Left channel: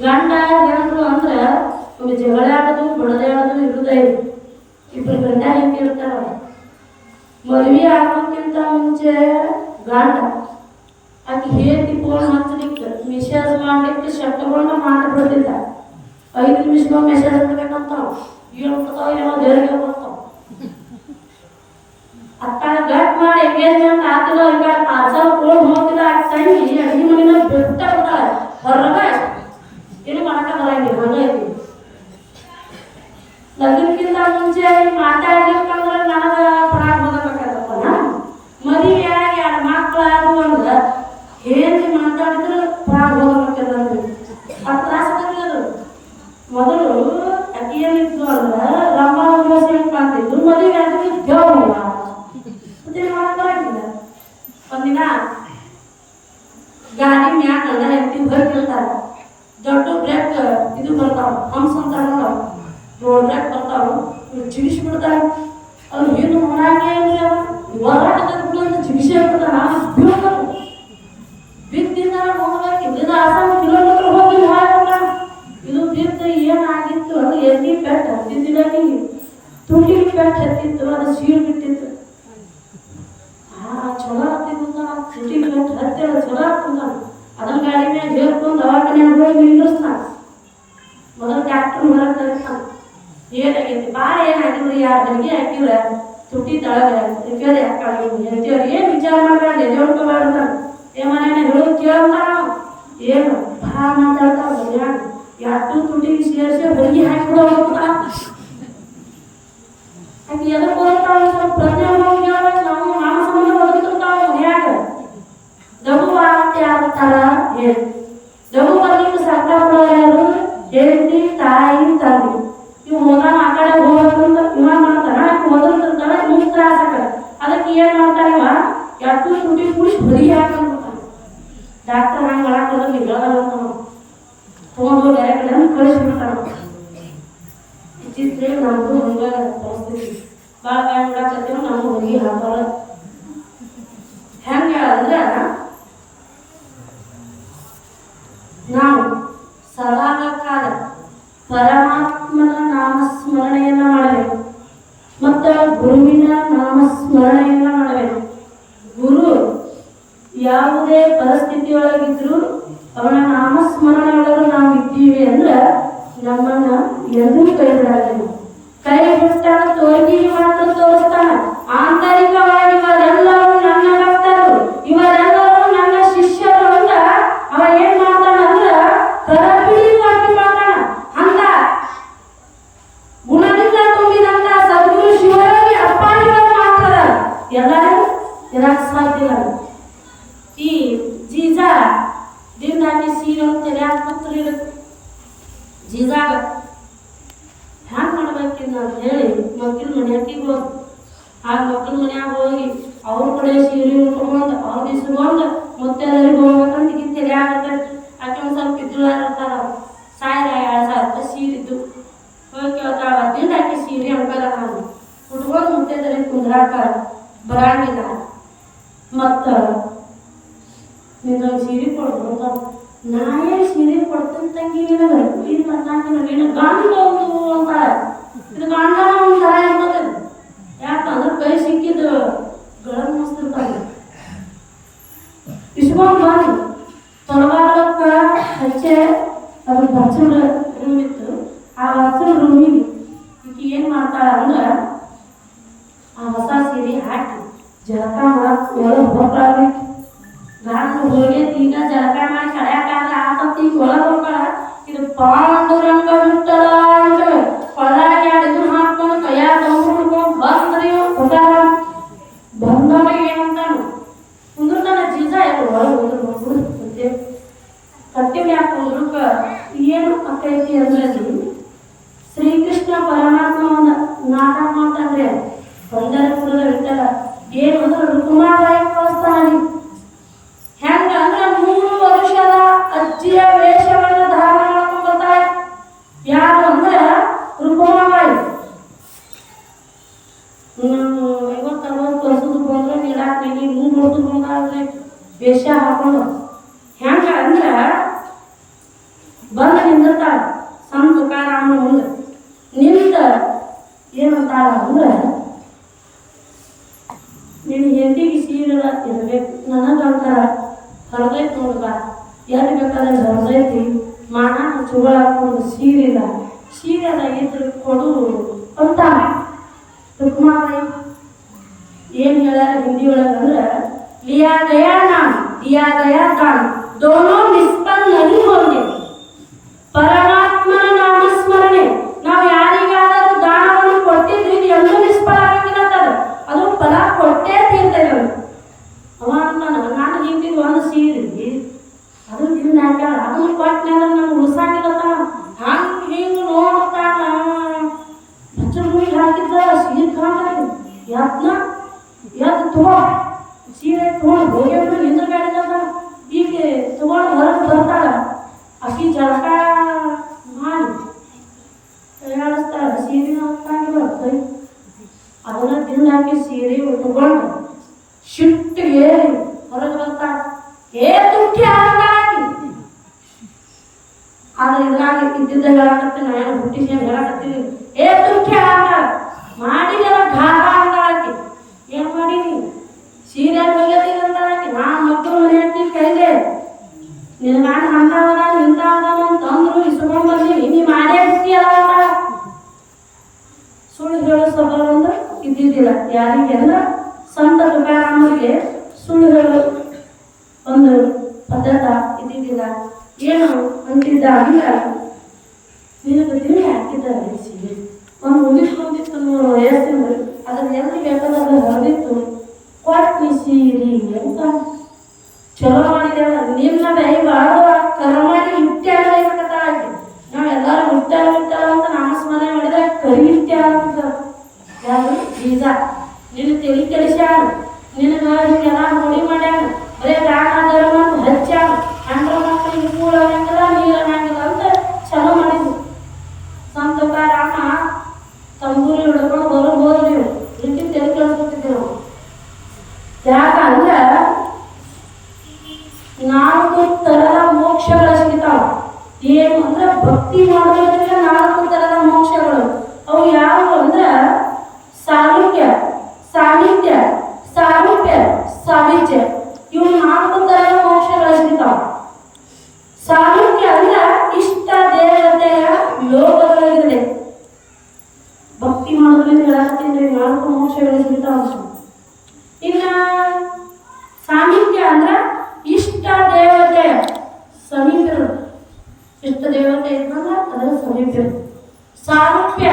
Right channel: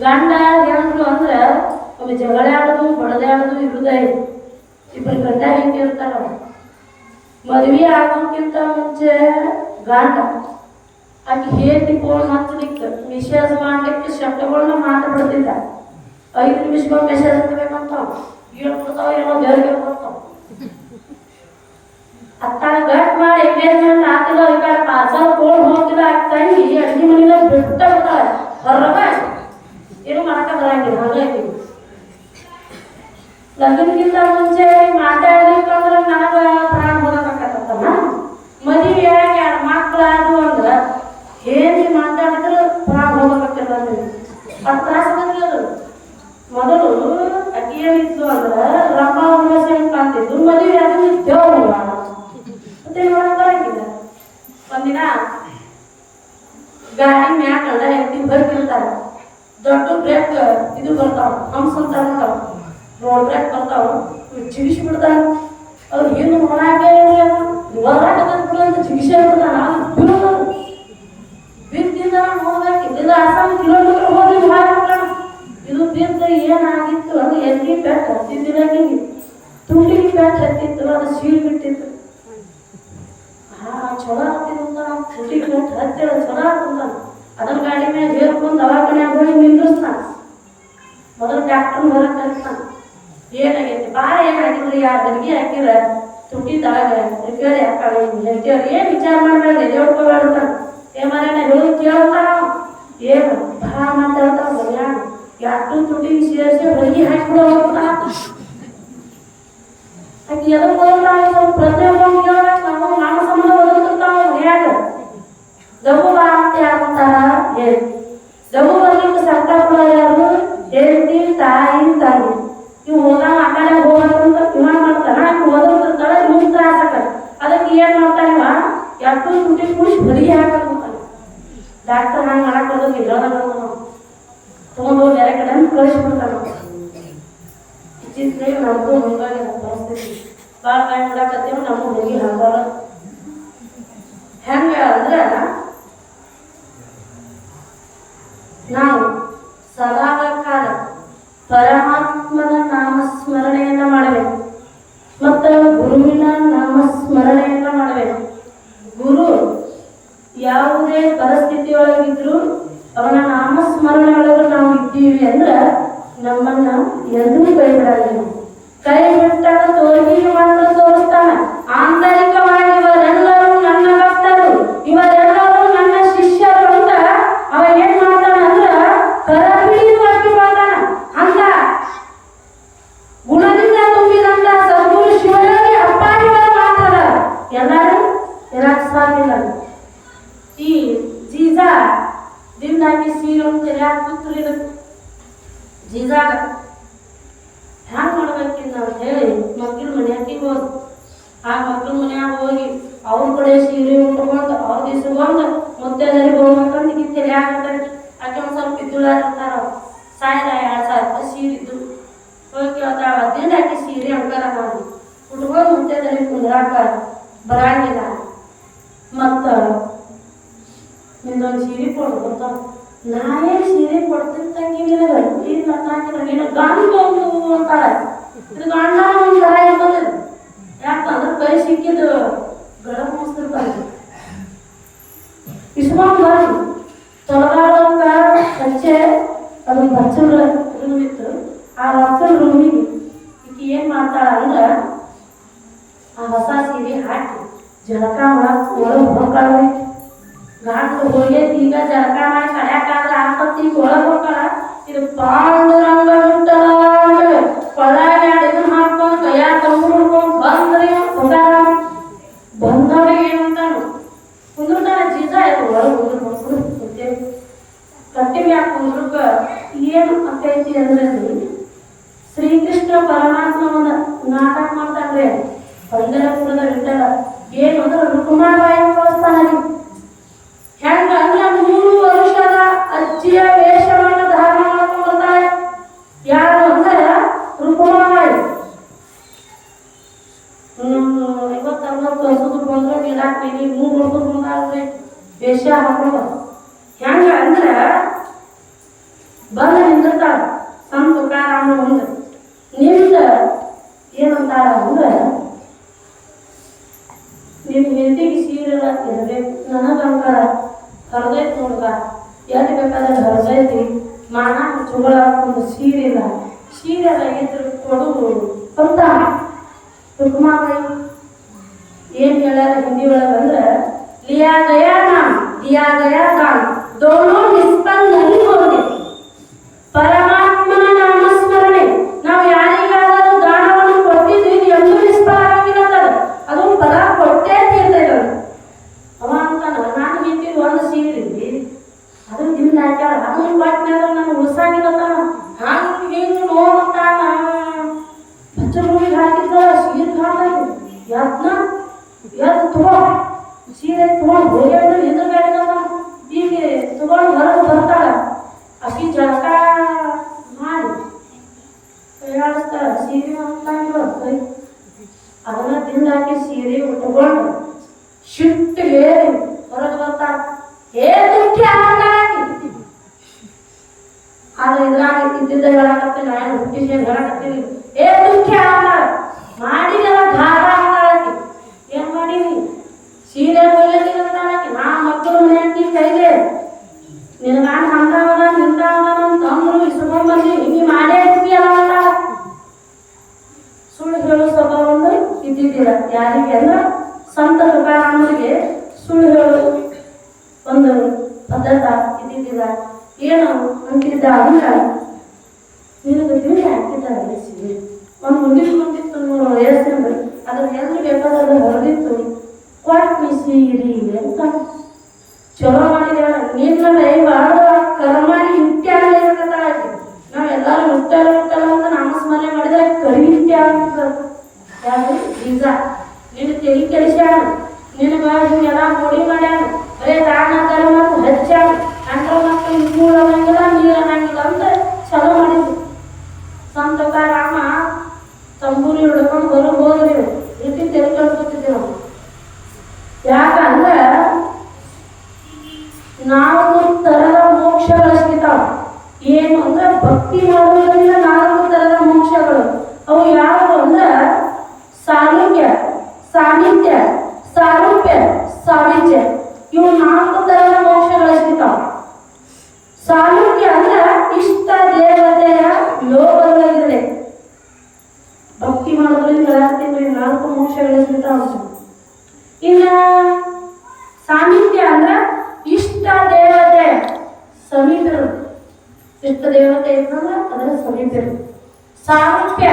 ಗಂಡ ಹೆಂಡ್ರು ಅಂದ್ರೆ ಒಮ್ಮೆ ಜಗಳ ಆಡೋದು ಬಡದೆ ಆಡೋದು ಇರುದೇ ಇಬ್ಬರು ಗಂಡ ಹೆಂಗಿರ್ತಾರ. ಮದುವೆ ಆಗೋಕ್ಕಿಂತ ಮುಂಚೆ ಗಂಡ ಆಕೆ ಹೇಳಿ ಫೋನ್ ಹಚ್ಚಲಿಕ್ಕೆ ಮೆಸೇಜ್ ಮಾಡ್ಲಿಕ್ಕೆ ಶಬ್ದಗಳನ್ನ ಮಾತಾಡ್ಬಿಡ್ತಿದ್ದ. 5 ನಿಮಿಷಕ್ಕೆ ಮೆಸೇಜ್ ಹಾಕ್ಬೇಕಂತ ಹೇಳ್ಕೊತಾವ ಏನೋ ದೇವರಿಗೆ ಬರ್ತಾವ. ಅತ್ತ ಗಟ್ ಮಾಡಿ ಎಂಗೇಜ್ಮೆಂಟ್ ಆಗ್ತಿಲ್ಲ ಈಗ ಪಾರ್ಸಲ್ ಕೊಡು ಹೋಗ್ತಿಲ್ಲ ತಂಗಿ ಅಡಿಗೆ ಮನೆಯ ಬಿಟ್ಟ ಬಿಡ್ತಾಳೆ ಹೊರಗ ಏನು ಮಾಡಕ ಬರಂಗಿಲ್ಲ ಹೊರಗೈತಿ. ಲಗ್ನಕ್ಕಿಂತ ಮುಂಚೆ ಮಾತಾಡ್ಲಿಕ್ಕಂದ್ರೆ ನನಗೆ ಪ್ರಾಣ ಹೋಗಕ್ಕಾಗತ್ತಲ್ಲ. ಮದುವೆ ಆಗಿ 2 ಮಕ್ಕಳಾದ್ರು ಅಂದ್ರೆ ಹೇಗೆ ಮಾತಾಡಿದ್ರೆ ಪ್ರಾಣ ಹೋಗಬೇಕಂದ್ರೆ ಅದು ತ್ರಾಸ ಆಗಲ್ಲ. ಮೊದಲು ಅಕ್ಕಿ ಏನಿತ್ತು ಅಂದ್ರೆ ರಮ್ಮ ಹುಣಸೆ ಕಾಣ್ತಿದ್ರು, ಮದುವೆ ಆದ್ರೆ ದೇವ್ರ ಮತ್ತೆ ನೋಡಕ್ ಬರಂಗಿಲ್ಲ. ಒಂದಿನ ಗಾಡಿ ಮ್ಯಾಲ ಎತ್ತಿ ಬರ್ತಿರ್ತಾರ, ದೊಡ್ಡ ಬ್ರೇಕ್ ಇದು ಬರ್ತಾವ, ಹಂಸ ಅಂತ ಬರ್ತಾವ, ರೋಡ್ ಬ್ರೇಕ್ ಬರ್ತಾವ, ಚಿಗಿಸಿ ಬಿಡ್ತಾರ. ಅವ್ರು ಏನು ನೋಡಾಕೆ ಹೊರಾಟದ ಚಿಗಿಸೇ ಬಿಡ್ತಾನ. ಬೀಳೋದು ಬಿದ್ದಿಂದ ನೋಡ್ಬೇಕು, ಇದರಿಂದ 10 ಕಿಲೋಮೀಟರ್ ಹೋಗಿ ಹಾಯ್ತಾನ. ಇದು ಬಿದ್ದ ಏನಾಗಿತ್ತು ಅಂದ್ರೆ ಎಲ್ಲಿ ಪೆಟ್ಟು ಹತ್ತಿದ್ದಿಲ್ಲ, ತುಂಡಿಗೆ ಪೆಟ್ಟು ಹತ್ತಿತ್ತು, ಅದು ಸೀಳ್ ಬಿಟ್ಟಿತ್ತು. ಚಲೋ ಆಗ್ತಿತ್ತು ತುಂಡಿಗೆ ಪೆಟ್ಟು ಹತ್ತಿರ ಚಲೋ ಆಗ್ತಂದ. ಅದನ್ನ ಗಾಡಿ ಮ್ಯಾಗ ಹೇಳ್ಕೊಂಡು ದವಾಖಾನ್ಯಾಗ ಹೋಗಿ ನಿಂದ್ರಿಸ್ತಾನ. ಮೊದಲು ಡಾಕ್ಟರ್ ಬರಕ್ ಕಲಿತಾನ. ಏನಾಗೈತಿ ಭಾಳ ಏನಾಗಿದ್ರಿ, ಆ ಬೆಳಿಗ್ಗೆ ಹಾಕಿಲ್ಲ ತುಟ್ಟಿ ತಳಗ ರಿಪೇರಿ ಹಾಕಿ ಹೇಳ್ತೇವ್ರಿ. ಏನ್ ವಿಚಾರ ಮಾಡ್ಬೇಡ್ರಿ, ಎದೋಡ್ಕೋಬೇಡ ಮನೇನ ಹೇಳೋದು ಕೇಳ್ತಾನ. ಏನು ಭಾಳ ಮಾತಾಡ್ತಾವ ಮನ್ಯಾಗ, ಯಾಕೆ ತುಟಿಗೆ ಸೇರಿಸಿ ಬೆಳಿಗ್ಗೆ ಹಾಕಿಬಿಡೋ ಹೋಗ್ತಾನ. ಆಕೆ ಎದ್ರ ಬರೋದಾವ ಸ್ವಲ್ಪ ಪ್ರಶ್ನೆ ಹೋಗಿ ಕೇಳ್ಬೇಕು. ನಾವು ಸಂಬಂಧ ಓದ್ತಿರ್ತಾವ ಮನ್ಯಾಗ ದಗು ಆಗ್ತಿ ಆಗ್ತಾರ. ಏನು ದಗು ಬರ್ಲಿಕ್ಕೆ ಸರ್ಕಾರ ಕೊಡೋರು ಯಾರು? ಹೆಂಡತಿ, ತಾಯಿ, ತಂದೆ. ಇವು ಹೋಗ ಮಾತಾಡ ಹೋಗ್ಬೇಕಂತ ಇವಾಗ ಮಾಡ್ತಾನ. ಆಕೆ ಓದಿರ್ತಾರ, ಇವ್ ತ್ರಾಸ ಆಗಲ್ಲ. ಅದಕ್ಕೆ ಏನ್ ಮಾಡ್ತಾನ ಇವ ಯಾಕೆ ತುಟಿ ಕುಡಿಸಿ ಬೆಳಿಗ್ಗೆ ಹಾಕಂತಾನ. ಡಾಕ್ಟರ್ ಹಂಗೆ ಮಾಡಕ್ಕೋದು ಹೇಳೋದಲ್ಲ, ತಗೊಂಡೋಗಿ ಬೇರೆ ಕಡೆ ಕಳಿಸ್ಬಿಡ್ತಾನ. ಇತ್ತೀಚೆಗೆ ನಮಗೂ ಹಂಗಾಗಿ ಪರಿಸ್ಥಿತಿ ಭಾಳ ಬಾಯಿ ಮಾಡಕತ್ತೀವಿ. ನಮಗೂ ಹುಡುಗಿ ಹಾಕೋರ ಹೆಂಗೆ ಅಂದ್ರೆ ನಾವು ಸದಾಕಾಲ ಪರಮಾತ್ಮನ ನಾಮಸ್ಮರಣೆಯನ್ನ ಮಾಡಬೇಕು ಮತ್ತು ಗುರುವಿನ ನಾಮಸ್ಮರಣೆಯನ್ನ ಮಾಡಬೇಕು. ಗುರು ಯಾವುದೇ ಪರಿಸ್ಥಿತಿಯೊಳಗಿದ್ರು ಅವನ ನಾಮಸ್ಮರಣೆ ಒಳಗೆ ನಾವು ಇದ್ದೀವಿ ಅಂದ್ರೆ ನಮ್ಮನ್ನ ಎಂದೂ ಕೈ ಬಿಡಲ್ಲ. ಕೈ ಬಿಟ್ಟಾಗ ತೋರಿಗಿ ಮಾತ್ರ ತೋರಿಸ್ತಾನ. ಆಂತರಿಕವಾಗಿ ಇವರೆಲ್ಲರೂ ನನ್ನ ಭಕ್ತರು, ಇವರೆಲ್ಲರೂ ನನ್ನ ಶಿಷ್ಯರು ಅಂತ ಅವನ್ ಏನ್ ಮಾಡ್ತಾನ ಅಂದ್ರ ಕರಬಿಡಿಯಾಗಿ ಮಾಡ್ತಾನ. ಹಂಗ ಗುಣದಿಂದ ತುಂಬಿದಂತ ಸದ್ಗುರು ಶಿವರಲ್ಲಿ ಅಪ್ಪಾಜಿಗಳು ಮಾತ್ರ ಎಲ್ಲರೂ ಇರಕ್ ಸಾಧ್ಯ ಇಲ್ಲ. ಈ ಜೀಜಾ ದಿಂದಾಗಿ ಸೀರೆ ತೆರೆಯಾಕ ಕೂತ್ರು ಜೀಜಾಗ ಹ್ಯಾಂಗ ಮಾಡ್ಬೇಕಿಲ್ಲ ಅಂತ ಹೇಳಿ ಮಕ್ಕಳ ಮನ್ಯಾಗಿ ಹೋದ್. ಆ ಮಕ್ಕಳ ಮನ್ಯಾಗ ಹೋಗಿ ಅವ್ರ ಕಡೆ ಸೀರೆ ಉಟ್ಕೊಂಡು ಅವ್ರ ದಿಸ್ಕೊಂಡು ಮುತ್ತೈದೆಯರಿಗೆ ಹೋಗ್ಬೇಕಂತ ಗಿತ್ತಲೆ ಆಗತ್ತೆ. ಆಕೆ ಒಂದು ಸ್ವಲ್ಪ ಇದ್ದುಳಾಗಿರ್ತಾರ, 1000-2000 ರೂಪಾಯಿ ಸೀರೆ ಇದ್ದು ಹೋಗಿ ಕೇಳ್ತಾಳ. ದಿಂದ ಆಕೆ ಸೀರೆ ಅಂಕಾರ ನಾನು ಉಟ್ಕೊಂಡು ಮುತ್ತೈದೆಯರಿಗೆ ಕುಂದ್ರಾಕ ಬರಂಗಿಲ್ಲ, ಮತ್ತು ನಿಂದೊಂದು ಸೀರೆ ಕೊಡು ಅಂತ. ನಾನೇ ಸೀರೆ ಕೊಡ್ತೀನಿ ತಂಗಿ ನಿನಗೆ, ಇಲ್ಲ ನೀನು ಗಂಡು ಅಂತಾಳೆ. ಇದು ಗಂಡ ಒಂದು ಥರ ಇರ್ತದೆ. ಯಾಕಂದ್ರೆ ಕೈ ಸಿಕ್ಕಿದ್ದು ಗಡಂ ಮುಸ್ತಿರ್ತಾನೆ. ಇಸ್ಕೊಂಡು ಬಂದು ತೊಲಗಾಡಕ್ಕ ಹಚ್ಚೆ ಅದು ಬಚ್ಚಲ ರೂಮ್ ಇತ್ತು. ಆ ಬಚ್ಚಲ ರೂಮಿಗೆ ಈಕೆ ಏನು ಮಾಡ್ತಾಳ ಅಂದ್ರೆ ಆ ಹೊಸ ಸೀರೆ ಹಾಕಿ ಜಳಕ ಮಾಡಕ್ಕೆ ಒಳಗೆ ಹೋಗ್ತಾಳಿತ್ತು. ಘಾಟ್ಲು ಹೋಗೈತಿ. ಈಗ ಜಳಕ ಮಾಡಿ ಕಡ್ಯಾಕಾದ್ರೆ ಆಕತ್ತಿ ಒಳಗೆ ಹೋಗ್ತಾಳ. ಇದು ಪಾಂಡುರಂಗ ಮುಟ್ಟಳ ಪಳಾಗಿ ಅಡಿಗೆ ಹಾಕೊಂಡು ಕೈಯಾಗ ತಂದ್ಕೊಂಡು ಬಂದ್ರಿ ಗೊತ್ತಾಗ ಬಂದವರಿಗೆ ಏನಂತಾನು ಕುಂದ್ರತಾನ. ಜೀಜ ಒಳಗೆ ಕುಂತೆ ಕಟ್ಟಿಗೆ ಯಾಕೆ ಕುಂದ್ರಕ ಏನು ಆಕೈತಿ ಅಂದ್ರೆ ಶ್ರೀಕೃಷ್ಣ ಪರಮಾತ್ಮವನ್ನ ನಾಟಕ ಮಾಡ್ತಾನ್ರಿ. ಬಂದರ ಕುಡಿದ ಬಿಟ್ಟಾರ ಏನು ಅಂದ್ರೆ ರುಕುಮಾಬಾಯಿ ಕಳಿಸ್ತಾನ. ಹೆಂಗ ಅಂದ್ರೆ 3 ವರ್ಷದ ಅಜ್ಜಿಯ ವೇಷವನ್ನು ಧಾರಣ ಮಾಡ್ಕೊಂಡು ಬರ್ತಾಳೆ. ಯಾರು ಅಂದ್ರೆ ರುಕುಮಾಬಾಯಿ. 50-60 ವರ್ಷದ ಬಂದ್ರೆ ನೀಡಾಕ 3 ವರ್ಷದ ಮುಂದಾಗ್ರೆ ವೇಷ ಹಾಕೊಂಡು ಹೆಂಗ ಅಂದ್ರೆ ಬಂದ ಎಲ್ಲಿ ಬೇಕಾದ್ರೆ ಹರದೈತಿ ಮಾನ ಚುಗಳಾಕೊಂಡು ಸೀರೆ ಇಲ್ಲ ಸೀರೆ ಎಲ್ಲ ಇದ್ರೆ ಕೊಡು ಅಂತ ರುಕ್ಮಾಬಾಯಿ ಏನು ಹೇಳ್ಯಾರ ಹಿಂದಿ ಒಳಗಂದ್ರೆ लिया गया दान दिया गया दान दोनों निष्पन्न नहीं होंगे ಪರಮಾತ್ಮನ ನಾಮಸ್ಮರಣೆ ನಾವು ಯಾರಿಗಾದರೂ ದಾನವನ್ನು ಕೊಟ್ಟಿದ್ದೀವಿ ಎಂದು ನಿಷ್ಫಲ ಆಗಿಲ್ಲ ಅದು ಫಲ ಕೊಟ್ಟೇ ತೀರ್ತದೆ ಅವ ಅಂತಾನ ನಾನು ಹಿಂದಿ ಒಂದು ಸೀರಿದ್ವಿ ಅದು ದಿನ ಹಾಕ್ಯಾಳ ಅದನ್ನು ಕೊಟ್ಟೆ ನಾನು ಉಳಿಸಾಗಿಲ್ಲ ಹಂಗೆ ಹಿಂಗೆ ನೋಡ್ತಾನ ಬಚ್ಚಲು ಹಾಕಿದ್ದ ಸೀರೆ ಕಾಣಾಗಿ ಯತ್ನ ಎದ್ದು ತಗೋ ಸೀರೆ ತಗೊಂಡು ಹೋಗ್ಯಾಡು ನಿಂದ್ರ ಬೇಡದ ಈಗ ತಗೊಂಡು ಹೊರಗೆ ಬರ್ತಾಳ ಅಕ್ಕಿ ಜಳಕ ಮಾಡಿ ಪ್ರಯಾಣಿಸ್ತಾಳ ಸೀರೆ ಹಾಕಿ ಬರ್ತದೆ ಅದನ್ನ ತಿಂದು ಹಾಕಿ ಸೀರೆ ತಗೊಂಡು ಶಿಟ್ಟಿಗೆ ಹೊರಗೆ ಬರ್ತಾಳ ತುಟ್ಟಿ ಹಾಕಿ ಆದ್ರೆ ಇದ್ರಾಗ ಇದ್ದಿದ್ದ ಹೇಳಕತ್ತೀನಿ ನಾನು ಹುಟ್ಟಿಸಿ ಹೇಳಕತ್ತೀನಿ ತುಟ್ಟಿ ಹಾಕ ಮಾಡಿದೆಲ್ಲ ಘಾಟ ಹಾಕಿ ಏನ್ ಮಾಡೀನಿ ಸೀರೆ ಬೈಯದಿರಂತಾಗಿ ನಾ ಮಕ್ಕಳು ಮನೆಯಾಗಿ ಕೈಲೆ ನಿನ್ನ ನಾನು ಹಂತಾಗದ ನಿಂತಾಗದ ಅಂತಂದ್ರು ಇಸ್ಕೊಂಡ್ಬಂದು ನೀ ಮಾಡೇ ಬಿಟ್ಟಿಯಲ್ಲ ಅಂತ ಸುಳ್ಳು ಹೇಳೋ ಸ್ವಭಾವ ಒಂದು ಇದ್ದಿದ್ದಿಲ್ಲ ಯಾರಿಗೆಲ್ಲ ಸಂತ ತುಕಾರಾಮರಿಗೆ ಸುಳ್ಳು ಹೇಳೋ ಒಂದು ಪದ್ಧತ ಇದ್ದಿದ್ದಿಲ್ಲ ಏನು ಅಂತಿದ್ದ ಅಂದ್ರೆ ನಿನಗೆ ತಿಂಡಿ ಹಾಕಿದ್ದಾರೆ ಸೀರೆ ಒಂದು ಮುಂದಿಟ್ಕೊಂಡಿತ್ತು ನೋಡು ವಯಸ್ಸಿನ ಅದನ್ನ ಎಲ್ಲಿ ಬೇಕಾದ್ರೆ ಹೊರದಿತ್ತು ಕೊಟ್ಟಿ ಸೀರಿ ಅಂತ ಚಲೋ ಮಾಡಿದ ನಿನ್ನ ದೈವಾದ ಕರ್ಮನಿ ಇತ್ಯಾದಿ ಇರ್ತದೆ ನಾವೆಲ್ಲರೂ ಮುಟ್ಟಲ್ಲ ಅಂತ ನಾಮಸ್ಮರಣೆ ಮಾಡಿದ್ರೆ ಕರಿತ್ಯ ಅಂತ ಯಾರು ಬೀಜ ನಿನ್ನ ತೆಗಿ ಕೆಲಸ್ಯಾಣ ನಿನಗ ಹಿಂಗೆಲ್ಲ ಮುಡಿ ಮಾಡ್ಯಾಣ ಬರೇ ದಾನ ಧರ್ಮ ಅಂತ ಹಚ್ಚಾಣ ಅಂಡ ಮಕ್ಕಳು ಸ್ಕೂಲ್ ಅನ್ನಂಗಿಲ್ಲ ನೀರು ಅನ್ನಂಗಿಲ್ಲ ಅಂತ ಚಲೋ ಮಾಡಿದ್ರು ಸಂತ ರಾಮ ತಂಬೂರಿ ಹಿಡ್ಕೊಂಡು ಹೋದ್ರಿ ರೀತಿ ತೆಗಿ ಕಳ್ಸ್ಕೊತಿದ್ವಿ ನಾವು ಯಾಕಂದ್ರೆ ನಾಲ್ಕು ತರದ ಮೋಕ್ಷಗಳ ಸಿಗ್ತಾವ ಏನು ಅಂದ್ರೆ ಭಕ್ತಿ ಮಾಡೋದ್ರಿಂದ ನಾಲ್ಕು ತರದ ಮೋಕ್ಷಗಳು ಅವು ಯಾರು ಅಂದ್ರೆ ಸಾಲುಕ್ಯ ಸಾಮಿತ್ಯ ಸಾರೂಪ್ಯ ಸಾಮಿತ್ಯ ಇವು ನಾಲ್ಕು ತರದ ಮೋಕ್ಷಗಳು ಸಿಗ್ತಾವ ಸಾಲುಕ್ಯ ಅಂದ್ರೆ ಇಷ್ಟ ದೇವತೆಯ ಲೋಕಗಳಿದೆ ಭಕ್ತಿ ಮಾಡೋದ್ರಿಂದ ನಾಲ್ಕು ಮೋಕ್ಷಗಳು ಸಿಗ್ತಾವ ಇನ್ನ ಸಾಮಿತ್ಯ ಅಂದ್ರೆ ಇಷ್ಟ ದೇವತೆ ಸಮೀಪ ಇಷ್ಟ ದೇವತೆ ಇರ್ತಂದ್ರೆ ಅದರ ಸಮೀಪ ಸಾರೂಪ್ಯ